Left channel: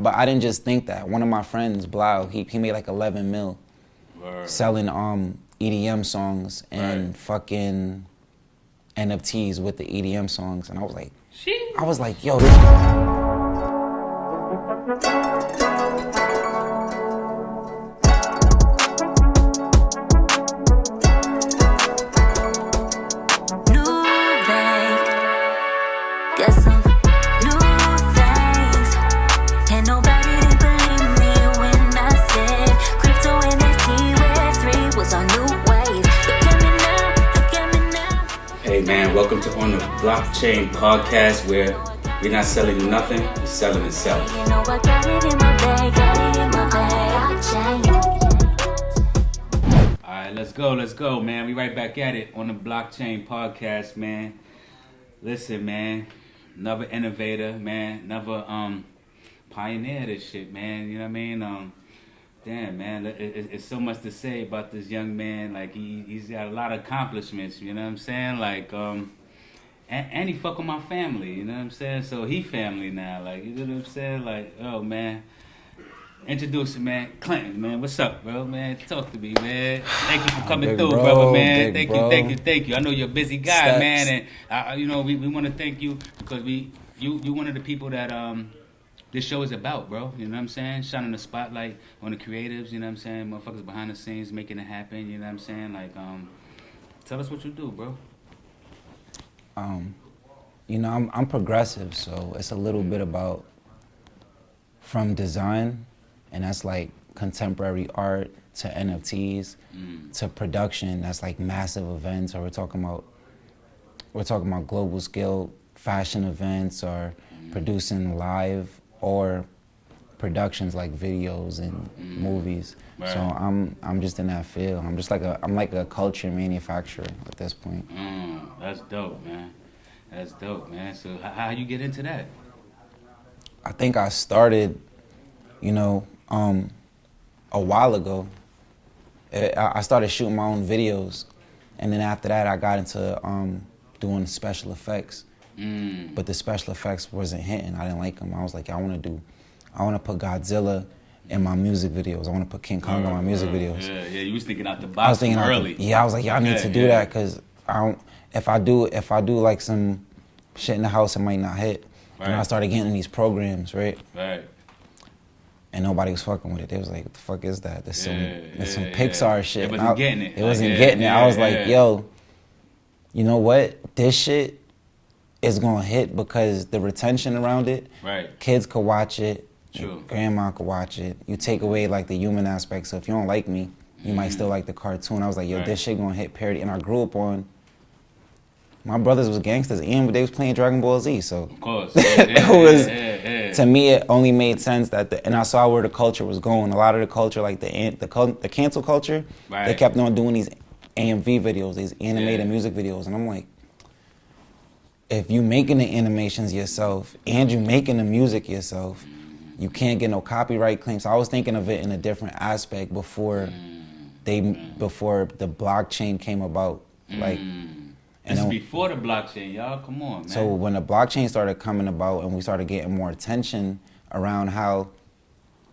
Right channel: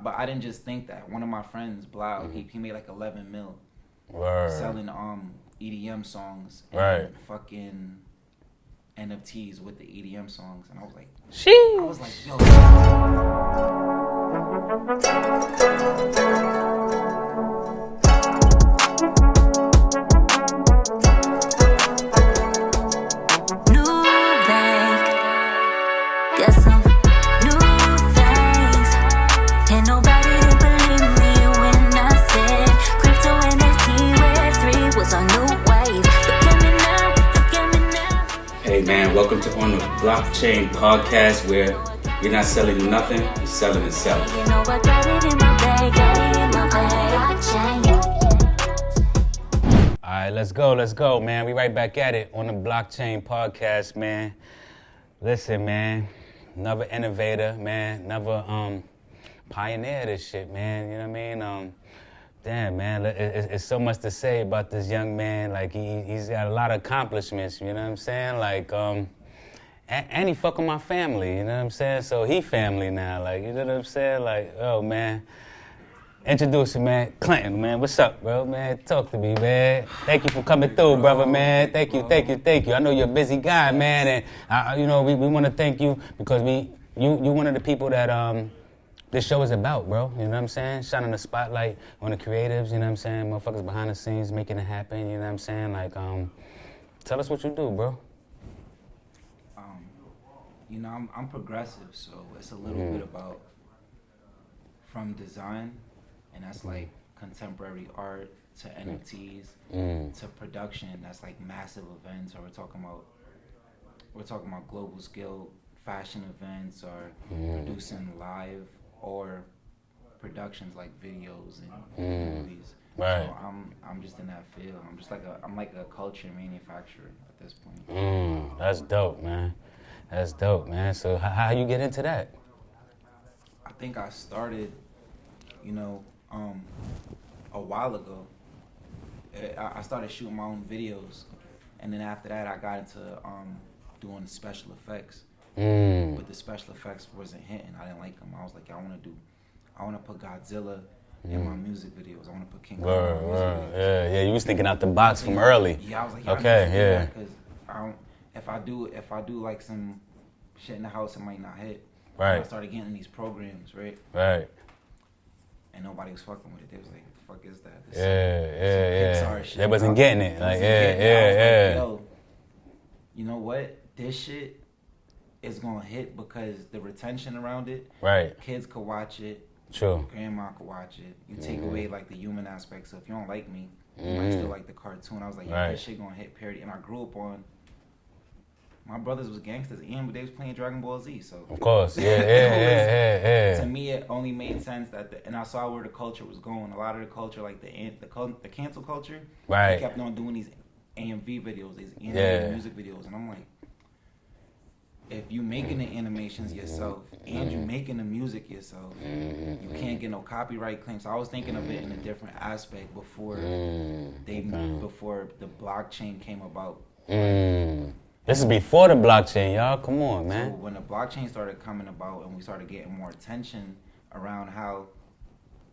but I didn't just think that. One of my friends, BLOC, he made like 11 mil selling EDM songs and fucking NFTs with the EDM songs, and I was like, yo. Got some new things, and nobody didn't believe me when I said crypto NFT Web3 was our new wave. Look at me now, look at me now. Hey man, welcome to On the Blockchain podcast, where we're not selling you nothing, we're selling itself. You know I got it in my bag, got it in my bag. All right, let's go, man. We right back at it on the Blockchain podcast, man. Listen, man. Another innovator, man. Another pioneer of this shit, man. You know what I mean? Damn, man. It's so much to say about this young man. Like he's got a lot of accomplishments. You know what I'm saying? Like and he fucking my family. You know what I'm saying? So he family now. Like you know what I'm saying? Like oh man. Introduce him, man. Clintn, man. What's up, bro, man? Talk to me, man. Thank you for coming through, brother, man. Thank you. I know you're a busy guy, man, and you know we want to thank you because you one of the people that this show is about, bro. You know what I'm saying? Shining the spotlight on the creatives. You know what I'm saying? Motherfuckers behind the scenes making it happen. You know what I'm saying? Like tell us what you do, bro. You know, I'm progressive, so it's a little bit about from design. And that's like contemporary art to NFTs to production. That's like massive events, or we're talking about global scale fashion events, or producing live or productions like videos and movies. Right. So I'm just in that field. I'm like a culture manufacturer at this point. That's dope, man. So how you get into that? I think I started, you know, a while ago. I started shooting my own videos, and then after that I got into doing special effects. But the special effects wasn't hitting. I didn't like them. I was like, I want to put Godzilla in my music videos. I want to put King Kong in my music videos. Yeah, you was thinking out the box from early. I was like, I need to do that because if I do like some shit in the house, it might not hit. Right. And I started getting in these programs, right? Right. And nobody was fucking with it. They was like, what the fuck is that? This some Pixar shit. It wasn't getting it. It wasn't getting it. I was like, yo, you know what? This shit is gonna hit because the retention around it. Right. Kids could watch it. True. Grandma could watch it. You take away like the human aspect. So if you don't like me, you might still like the cartoon. I was like, yo, this shit gonna hit parody. And I grew up on, my brothers was gangsters and they was playing Dragon Ball Z, so. Of course, To me, it only made sense that and I saw where the culture was going. A lot of the culture, like the cancel culture, they kept on doing these AMV videos, these animated music videos, and I'm like, if you making the animations yourself and you making the music yourself, you can't get no copyright claims. So I was thinking of it in a different aspect before before the blockchain came about, like. This is before the blockchain, y'all. Come on, man. So when the blockchain started coming about and we started getting more attention around how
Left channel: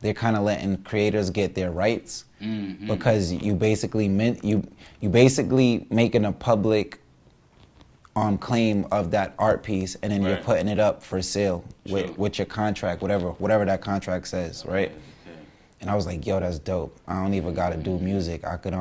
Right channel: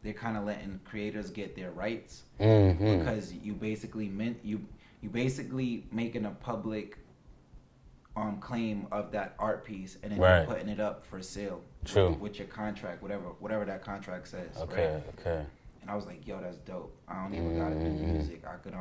they're kind of letting creators get their rights, because you basically making a public claim of that art piece, and then you're putting it up for sale with your contract, whatever that contract says, right? Okay. And I was like, yo, that's dope. I don't even gotta do music. I could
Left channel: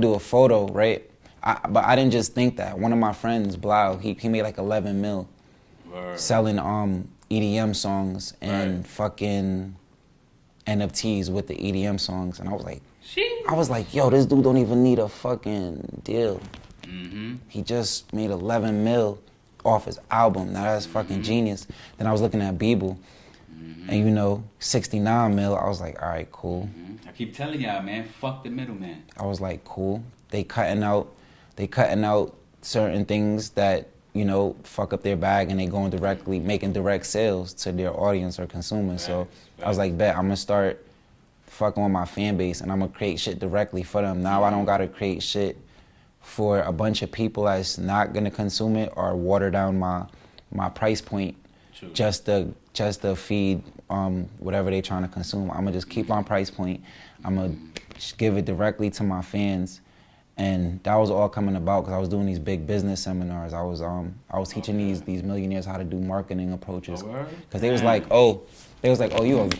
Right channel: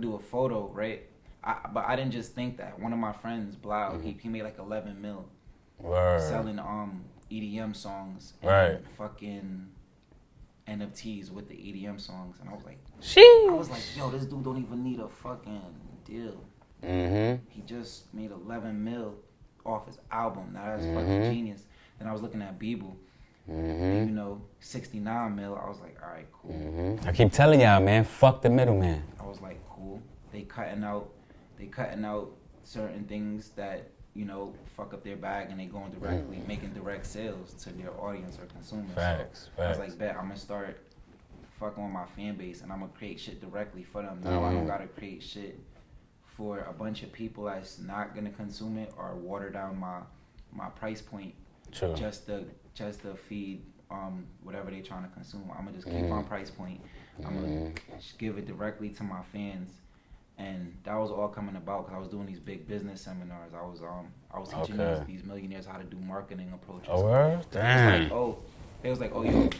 do a photo, right? But I didn't just think that. One of my friends, BLOC, he made like 11 mil selling EDM songs and fucking NFTs with the EDM songs, and I was like, yo, this dude don't even need a fucking deal. He just made 11 mil off his album. Now that's fucking genius. Then I was looking at Beeble, and you know, 69 mil. I was like, all right, cool. I keep telling y'all, man, fuck the middleman. I was like, cool. They cutting out certain things that, you know, fuck up their bag, and they going directly making direct sales to their audience or consumers. So I was like, bet I'm gonna start fucking with my fan base, and I'm gonna create shit directly for them. Now I don't gotta create shit for a bunch of people that's not gonna consume it or water down my price point True. just to feed whatever they trying to consume. I'm gonna just keep on price point. I'm gonna give it directly to my fans. And that was all coming about because I was doing these big business seminars. I was teaching these millionaires how to do marketing approaches. Because they was like, oh,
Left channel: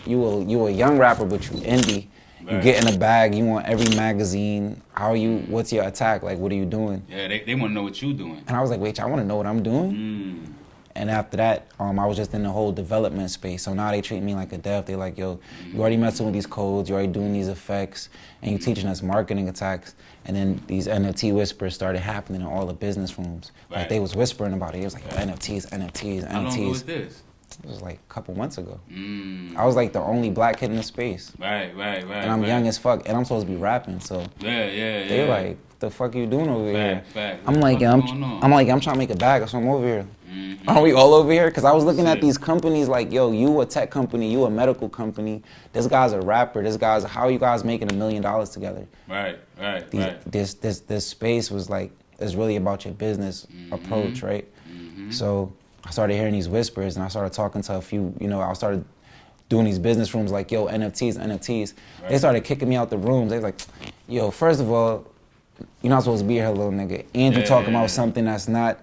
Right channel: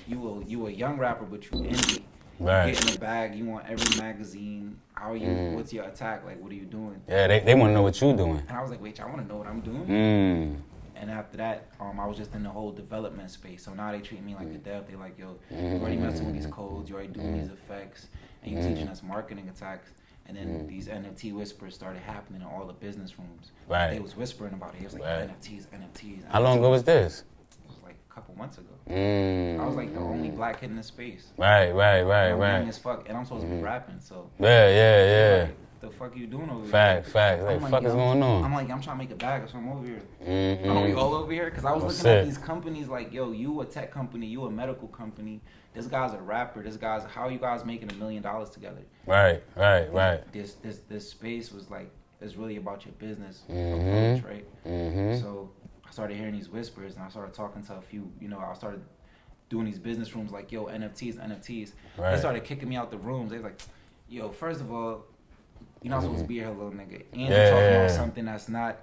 you a young rapper, but you indie. Right. You get in a bag. You want every magazine. How are you? What's your attack? Like, what are you doing? Yeah, they want to know what you're doing. And I was like, wait, I want to know what I'm doing. And after that, I was just in the whole development space. So now they treat me like a dev. They like, yo, you already messing with these codes. You already doing these effects, and you teaching us marketing attacks. And then these NFT whispers started happening in all the business rooms. Right. Like, they was whispering about it. It was like NFTs. How long ago was this? It was like a couple months ago. I was like the only black kid in the space. Right. And I'm young as fuck, and I'm supposed to be rapping. So Yeah. they're like, the fuck you doing over here? Fact. I'm like, I'm trying to make a bag, so I'm over here. Are we all over here? Because I was looking at these companies like, yo, you a tech company, you a medical company. This guy's a rapper. How are you guys making $1 million together? Right. This space was like, it's really about your business approach, right? So I started hearing these whispers, and I started talking to a few, I started doing these business rooms like, yo, NFTs. Right. They started kicking me out the rooms. They was like, yo, first of all, you're not supposed to be here, little nigga. And you're talking about something that's not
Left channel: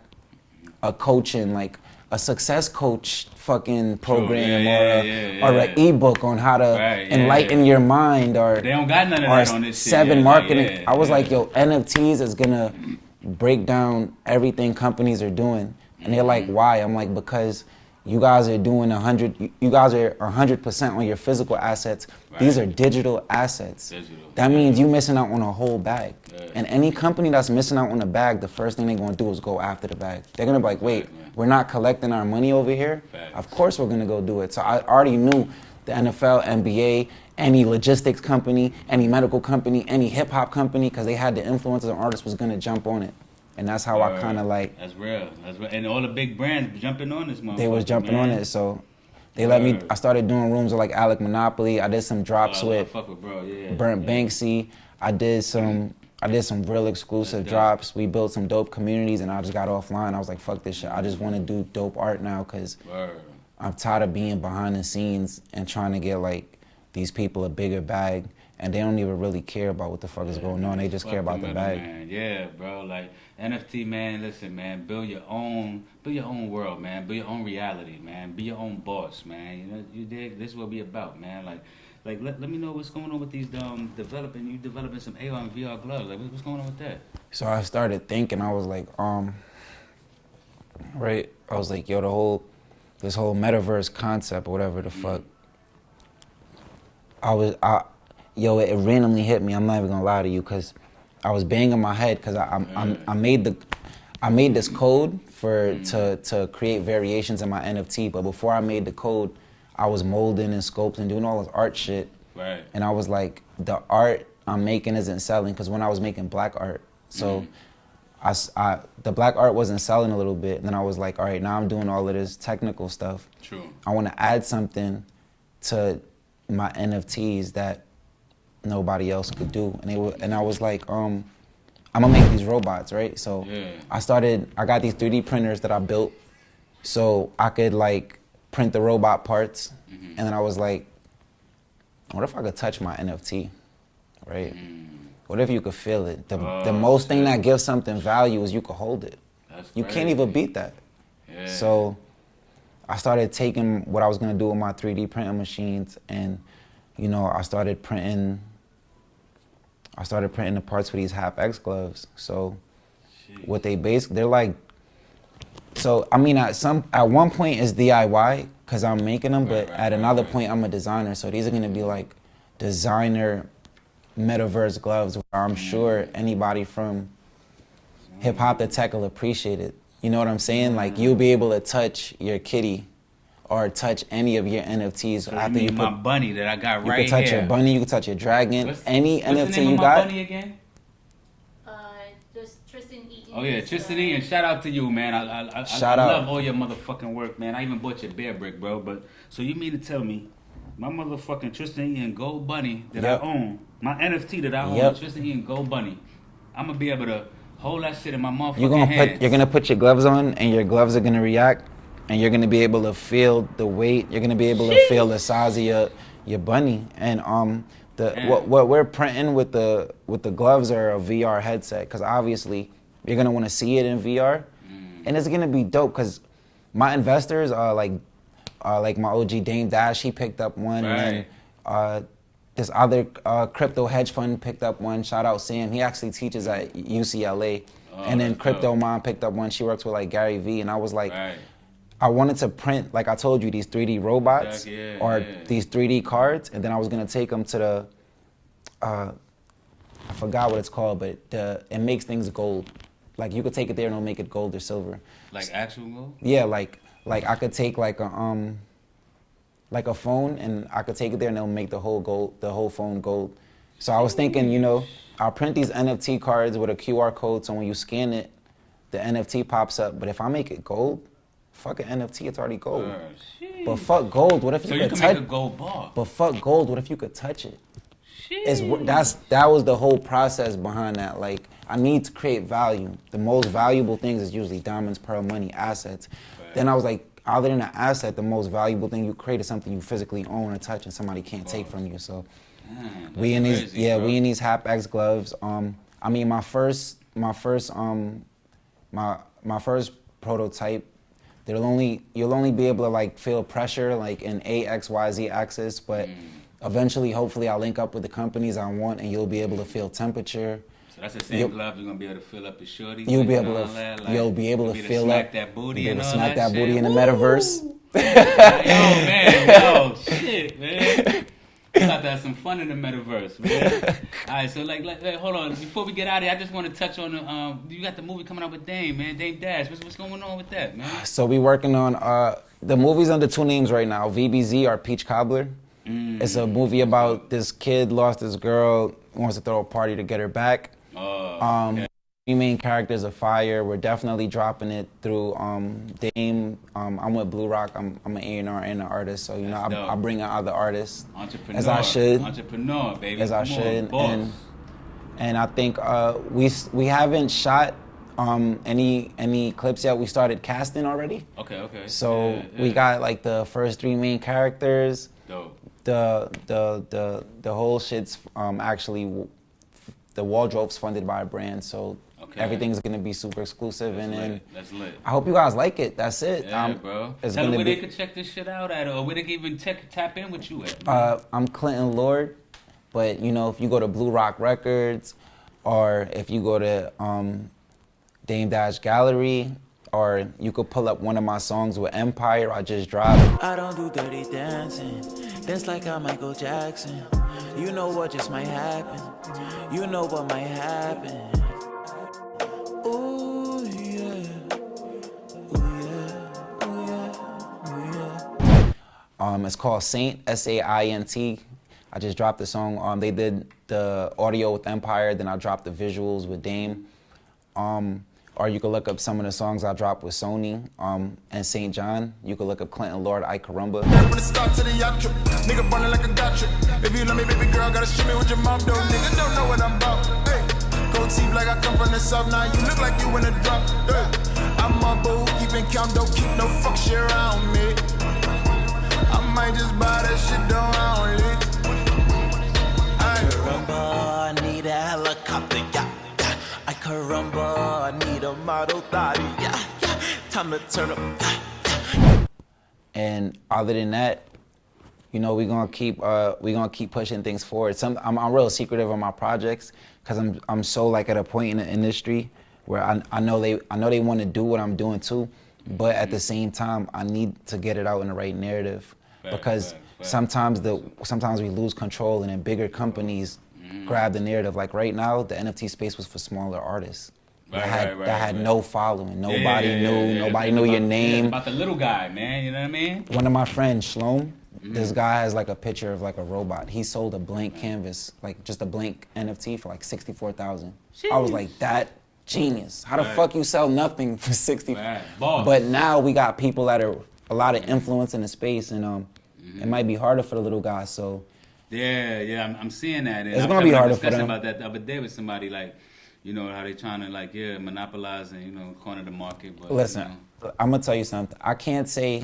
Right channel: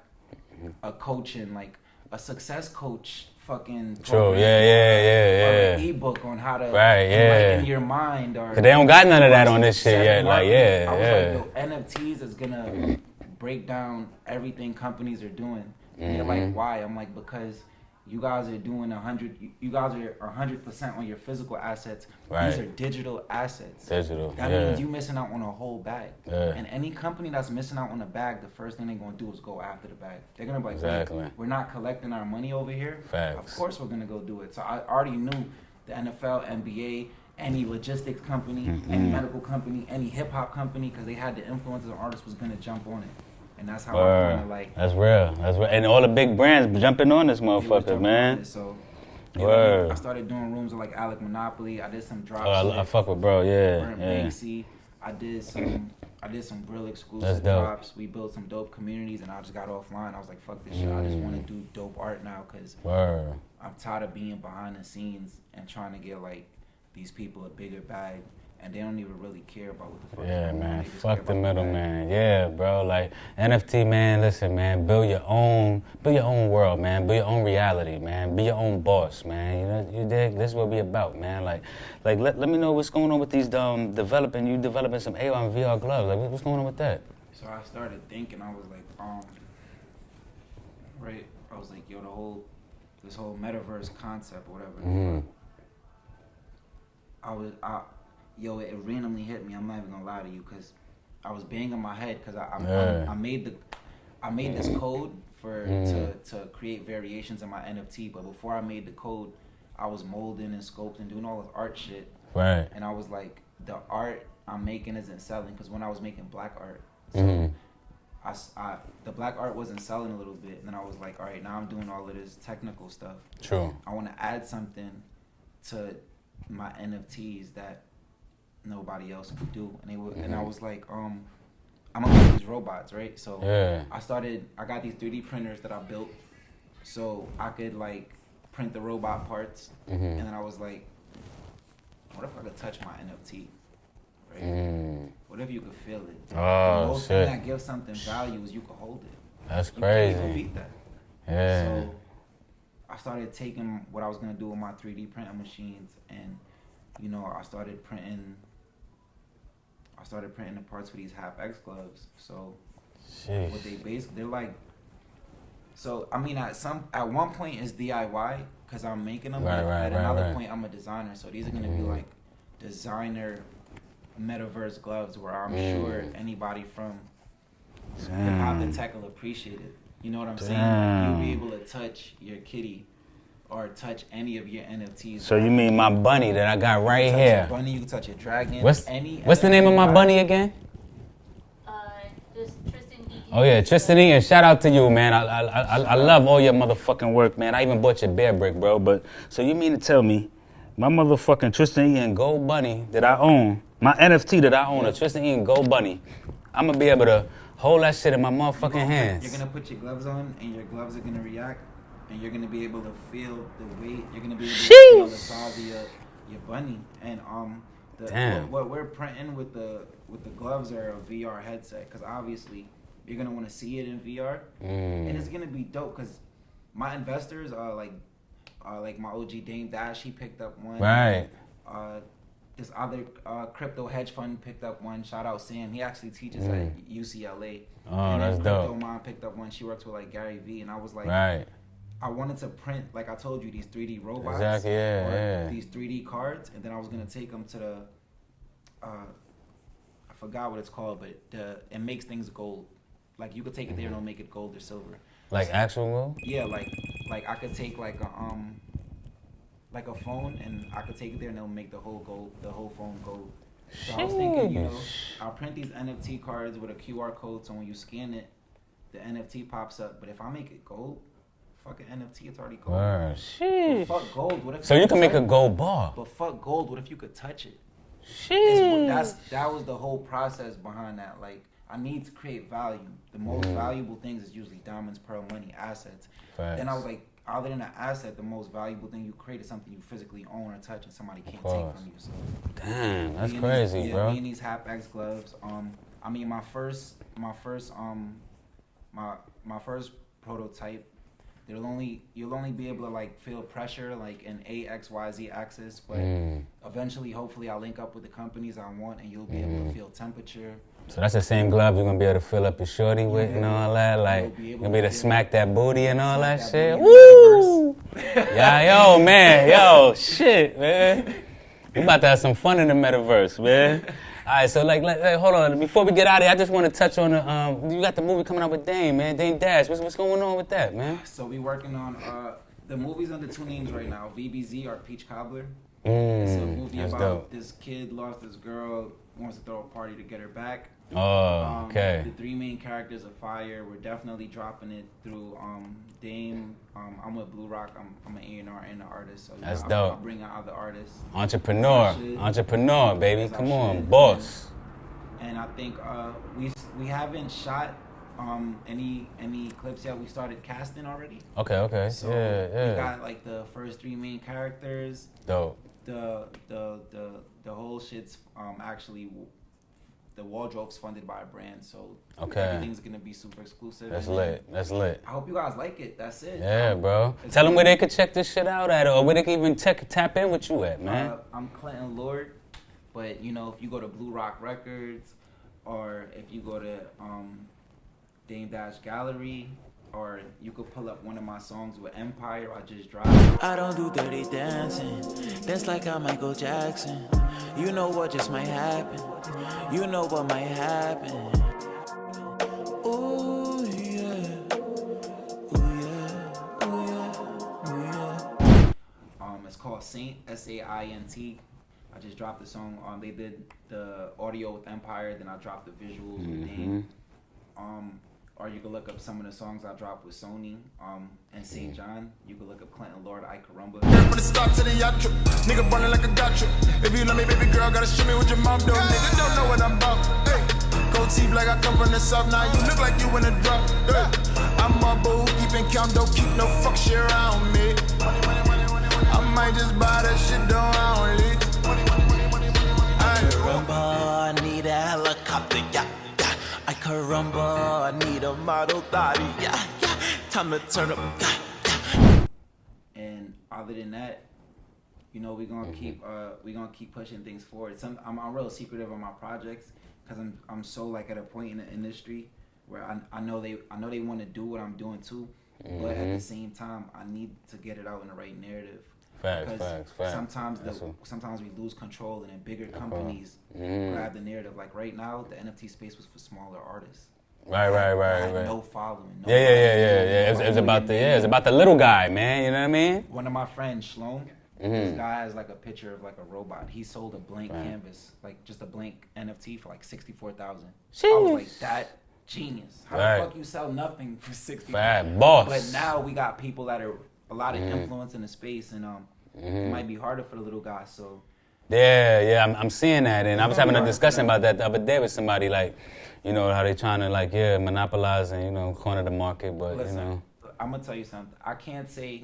a coaching, like a success coach fucking program or an ebook on how to enlighten your mind. Or they don't got none of that on this shit. 7 marketing. I was like, yo, NFTs is gonna break down everything companies are doing. And they're like, why? I'm like, because you guys are doing 100% on your physical assets. Right. These are digital assets. That means you missing out on a whole bag. And any company that's missing out on a bag, the first thing they're gonna do is go after the bag. They're gonna be like, wait, we're not collecting our money over here? Of course we're gonna go do it. So I already knew the NFL, NBA, any logistics company, any medical company, any hip hop company, because they had the influencers and artists was gonna jump on it. And that's how I kind of like... That's real. And all the big brands jumping on this motherfucker, They was jumping on it, so... They let me... I started doing rooms with like Alec Monopoly. I did some drops with... I fuck with bro, Burnt Banksy. I did some real exclusive drops. We built some dope communities, and I just got offline. I was like, fuck this shit. I just want to do dope art now, because I'm tired of being behind the scenes and trying to get like these people a bigger bag. And they don't even really care about what the fuck is going on. They just care about the bag. Man. Yeah, bro. Like NFT, man. Listen, man. Build your own world, man. Build your own reality, man. Be your own boss, man. You dig? This is what we about, man. Like let me know what's going on with these developing some AR and VR gloves. Like what's going on with that? So I started thinking. I was like, right. I was like, yo, this whole metaverse concept or whatever the fuck. It randomly hit me. I'm not even gonna lie to you, cause I was banging my head, cause I made this code to create variations in my NFT. But before I made the code, I was molding and sculpting, doing all this art shit. Right. And I was like, the art I'm making isn't selling, cause when I was making black art, so the black art wasn't selling a little bit. And then I was like, all right, now I'm doing all of this technical stuff. True. I want to add something to my NFTs that nobody else could do. And I was like, I'm gonna make these robots, right? So I got these 3D printers that I built so I could like print the robot parts. And then I was like, what if I could touch my NFT, right? What if you could feel it? The most thing that gives something value is you could hold it. That's you crazy. can't even beat that. So I started taking what I was gonna do with my 3D printing machines, and I started printing the parts for these half X gloves. So what they're like, so I mean at one point it's DIY because I'm making them, but at another point I'm a designer. So these are gonna be like designer metaverse gloves where I'm sure anybody from hip hop to tech will appreciate it. You know what I'm saying? Like you'll be able to touch your kitty or touch any of your NFTs. So you mean my bunny that I got right here? You can touch your bunny, you can touch your dragon. What's NFT the name of my bunny again? Just Tristan E. Oh yeah, Tristan E. And shout out to you, man. I love all your motherfucking work, man. I even bought your bear brick, bro. But so you mean to tell me my motherfucking Tristan E. and Gold Bunny that I own, my NFT that I own, the Tristan E. and Gold Bunny, I'm gonna be able to hold that shit in my motherfucking hands. You're gonna put your gloves on, and your gloves are gonna react and you're gonna be able to feel the weight. You're gonna be able to feel the size of your bunny. And what we're printing with the gloves are a VR headset, because obviously you're gonna want to see it in VR, and it's gonna be dope. Because my investors are like my OG Dame Dash, he picked up one. Right. And, this other crypto hedge fund picked up one. Shout out Sam. He actually teaches at UCLA. And then Crypto Mom picked up one. She works with like Gary Vee. And I was like, I wanted to print, like I told you, these 3D robots these 3D cards. And then I was going to take them to the, I forgot what it's called, but it makes things gold. Like you could take it there and it'll make it gold or silver. Like actual gold? Yeah, like I could take like a phone, and I could take it there and it'll make the whole phone gold. So I was thinking, you know, I'll print these NFT cards with a QR code, so when you scan it, the NFT pops up. But if I make it gold, fuck an NFT, it's already gold. But fuck gold, what if so you can make a gold bar? But fuck gold, what if you could touch it? That was the whole process behind that. Like, I need to create value. The most valuable things is usually diamonds, pearl, money, assets. Then I was like, other than an asset, the most valuable thing you create is something you physically own or touch and somebody can't take from you. So damn, that's we in crazy, these bro. we in these HapX gloves. I mean my first prototype, you'll only be able to like feel pressure like in A, X, Y, Z axis, but eventually hopefully I'll link up with the companies I want and you'll be able to feel temperature. So that's the same gloves you're gonna be able to fill up your shorty with and all that? Like, you'll be able to smack that booty and all that shit? Smack that booty in the metaverse. Yeah, yo, man, shit, man. We about to have some fun in the metaverse, man. All right, so like hold on. Before we get out of here, I just want to touch on you got the movie coming out with Dame, man. Dame Dash. What's going on with that, man? So we working on the movie's under 2 names right now. VBZ or Peach Cobbler. It's a movie about this kid lost his girl, wants to throw a party to get her back. Oh, okay. The 3 main characters are fire. We're definitely dropping it through Dame. I'm with Blue Rock. I'm an A&R and an artist, so you know I bring in other artists. Entrepreneur. As I should. Entrepreneur, baby. As I Come on, should. boss. And I think we haven't shot any clips yet. We started casting already. Okay. So we got like the first 3 main characters. Dope. The whole shit's actually. The wardrobe's funded by a brand, so everything's gonna be super exclusive. That's lit. I hope you guys like it. That's it. Yeah, bro. Tell them where they could check this shit out at, or where they can even tap in with you at, man. I'm Clintn Lord, but you know, if you go to Blue Rock Records, or if you go to Dame Dash Gallery, or you could pull up one of my songs with Empire I just dropped. I don't do dirty dancing. Dance like I'm Michael Jackson. You know what just might happen. You know what might happen. Ooh yeah. Ooh yeah. Ooh yeah. Ooh yeah. It's called Saint, SAINT. I just dropped the song. They did the audio with Empire, then I dropped the visuals with Dame. Or you can look up some of the songs I dropped with Sony and St. John. You can look up Clintn Lord, I Carumba. From the start to the yacht trip, nigga ballin' like a gotcha. If you love me, baby girl, gotta shoot me with your mom, though. Nigga don't know what I'm about. Hey, cold teeth like I come from the south. Now you look like you in a drop. Hey, I'm a boo, keeping count, don't keep no fuck shit around me. I might just buy that shit down lead. Caramba, I need a helicopter, yeah. I caramba, I need a model body, yeah. Time to turn up, yeah. And other than that, you know, we're gonna keep pushing things forward. I'm real secretive on my projects because I'm so like at a point in the industry where I know they want to do what I'm doing too, but at the same time I need to get it out in the right narrative. Because sometimes we lose control and then bigger companies grab the narrative. Like right now, the NFT space was for smaller artists. That had no following. Nobody knew your name. It's about the little guy, man. You know what I mean? One of my friends, Shlom, this guy has like a picture of like a robot. He sold a blank canvas, like just a blank NFT for like $64,000. I was like, that genius. How the fuck you sell nothing for $60,000? Boss. But now we got people that are a lot of influence in the space, and it might be harder for the little guys. So I'm seeing that, and I was having a discussion about that the other day with somebody, like, you know, how they trying to like monopolize and corner the market. But listen, I'm gonna tell you something. I can't say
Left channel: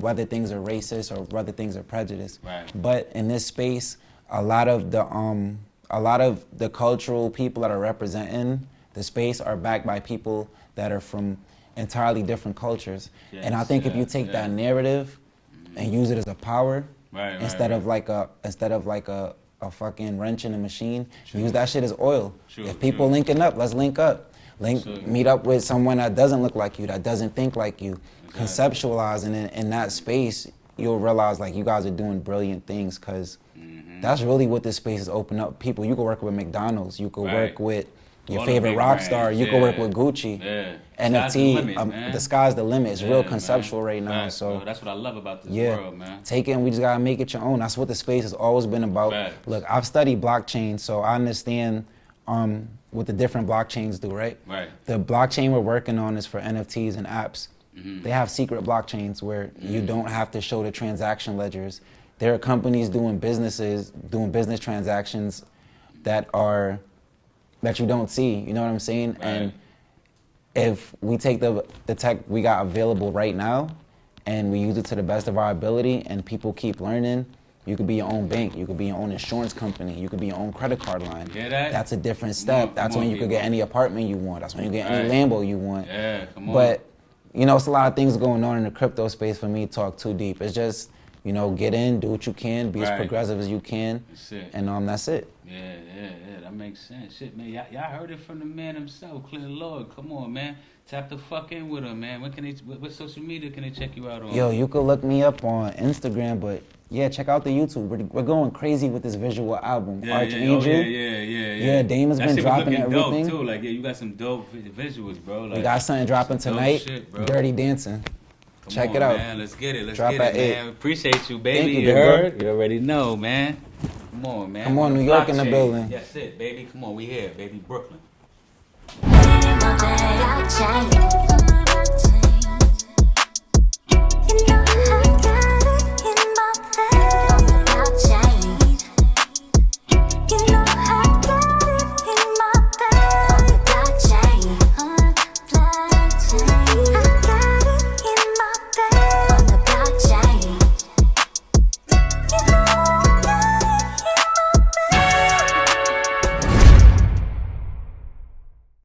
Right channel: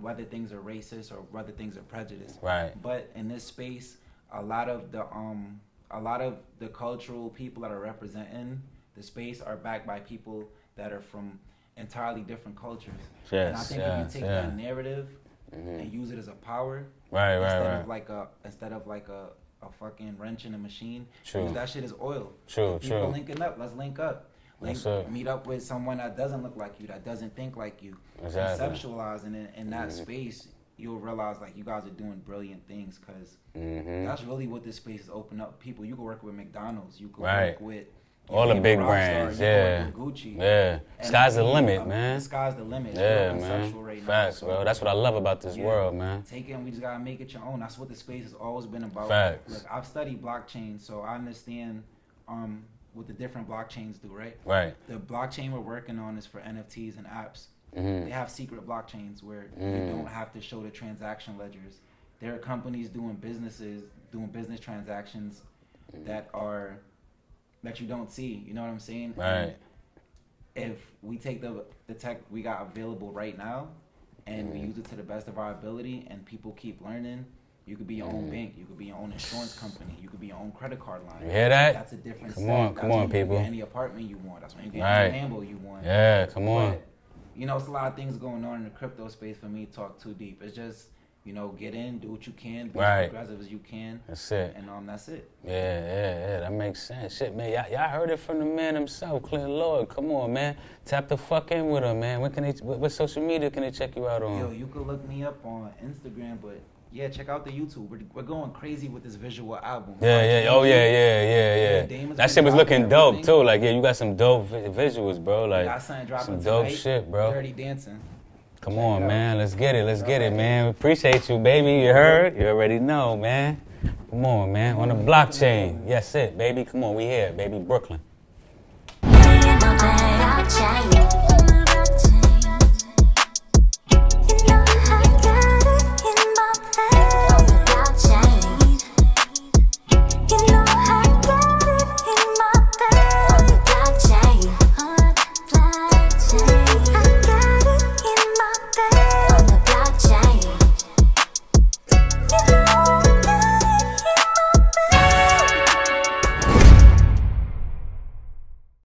whether things are racist or whether things are prejudiced. Right. But in this space, a lot of the cultural people that are representing the space are backed by people that are from entirely different cultures. Yes, and I think if you take yeah. that narrative and use it as a power, instead of like a fucking wrench in a machine, use that shit as oil. If people linking up, let's link up. Meet up with someone that doesn't look like you, that doesn't think like you. Conceptualizing in that space, you'll realize like you guys are doing brilliant things, because that's really what this space is opening up. People, you can work with McDonald's, you can work with your favorite rock star, you can work with Gucci. And sky's the limit, man. The sky's the limit. It's real conceptual right now. Facts, so bro. That's what I love about this world, man. Take it, and we just gotta make it your own. That's what the space has always been about. Facts. Look, I've studied blockchain, so I understand what the different blockchains do, right? Right. The blockchain we're working on is for NFTs and apps. They have secret blockchains where you don't have to show the transaction ledgers. There are companies doing business transactions that you don't see. You know what I'm saying? Right. And if we take the tech we got available right now and we use it to the best of our ability, and people keep learning, you could be your own bank, you could be your own insurance company, you could be your own credit card line. You hear that? That's a different step. That's when you could get any apartment you want. That's when you get any Lambo you want. Yeah, come on. But, you know, it's a lot of things going on in the crypto space for me to talk too deep. It's just, you know, get in, do what you can, be as progressive as you can. That's it. And that's it. Yeah, that makes sense. Shit, man, y'all heard it from the man himself, Clintn Lord. Come on, man. Tap the fuck in with him, man. What social media can they check you out on? Yo, you could look me up on Instagram, but yeah, check out the YouTube. We're going crazy with this visual album. Yeah. Yeah, Dame has that been shit was looking dropping dope everything. too. Like, yeah, you got some dope visuals, bro. Like, We got something dropping some dope tonight. shit, bro. Dirty Dancing. Come on, it out. man. Let's get it. Drop at man. 8. Appreciate you, baby. Thank you, You bro. heard? You already know, man. Come on, man. Come on, the New York in the blockchain. building. Yes, it, baby. Come on, we here, baby. Brooklyn. Me and my bag, blockchain.